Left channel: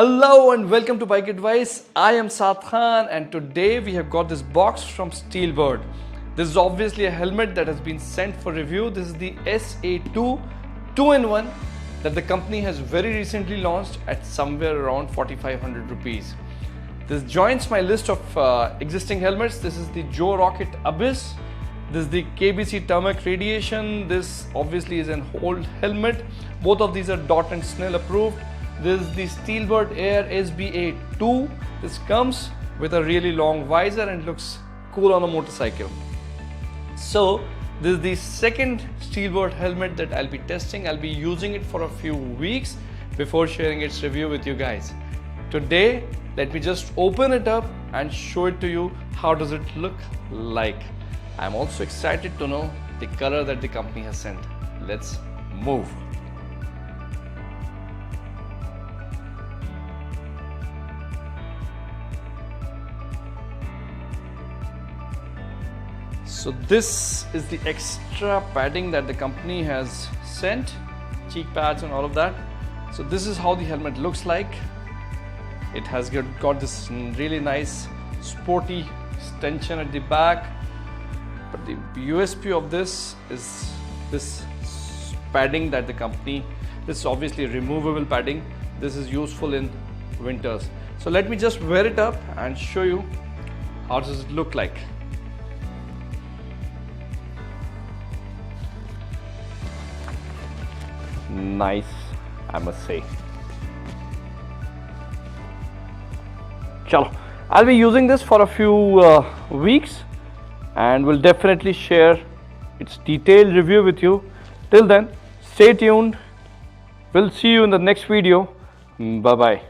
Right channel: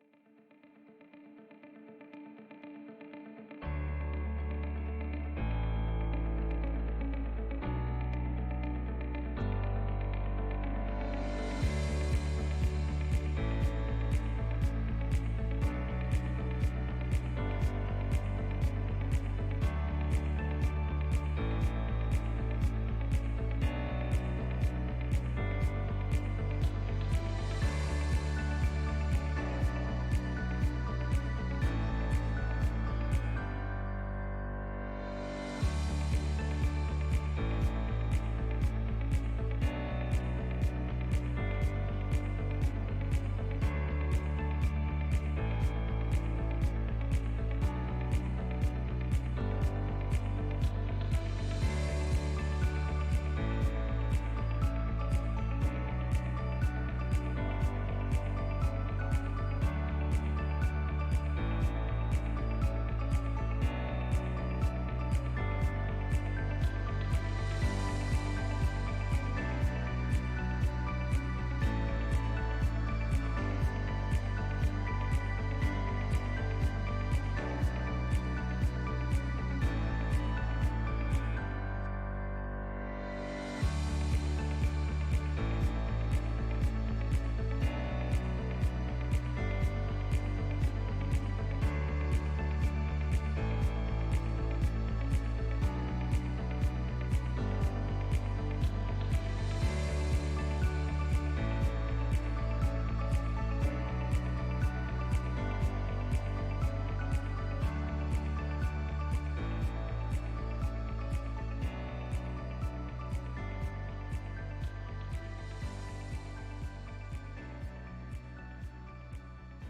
Hello and welcome to Bike Advice. I am Saad Khan and today we have got this box from Steelbird. This is obviously a helmet that has been sent for review. This is the SA2 2in1 that the company has very recently launched at somewhere around 4,500 rupees. This joins my list of existing helmets. This is the Joe Rocket Abyss. This is the KBC Thermic Radiation. This obviously is an old helmet. Both of these are DOT and SNEL approved. This is the Steelbird Air SA2. This comes with a really long visor and looks cool on a motorcycle. So this is the second Steelbird helmet that I'll be testing. I'll be using it for a few weeks before sharing its review with you guys. Today, let me just open it up and show it to you. How does it look like? I'm also excited to know the color that the company has sent. Let's move. So this is the extra padding that the company has sent, cheek pads and all of that. So this is how the helmet looks like. It has got this really nice sporty extension at the back. But the USP of this is this padding that the company, this is obviously removable padding. This is useful in winters. So let me just wear it up and show you how does it look like. Nice, I must say. Chalo, I'll be using this for a few weeks and will definitely share its detailed review with you. Till then, stay tuned. We'll see you in the next video. Bye bye.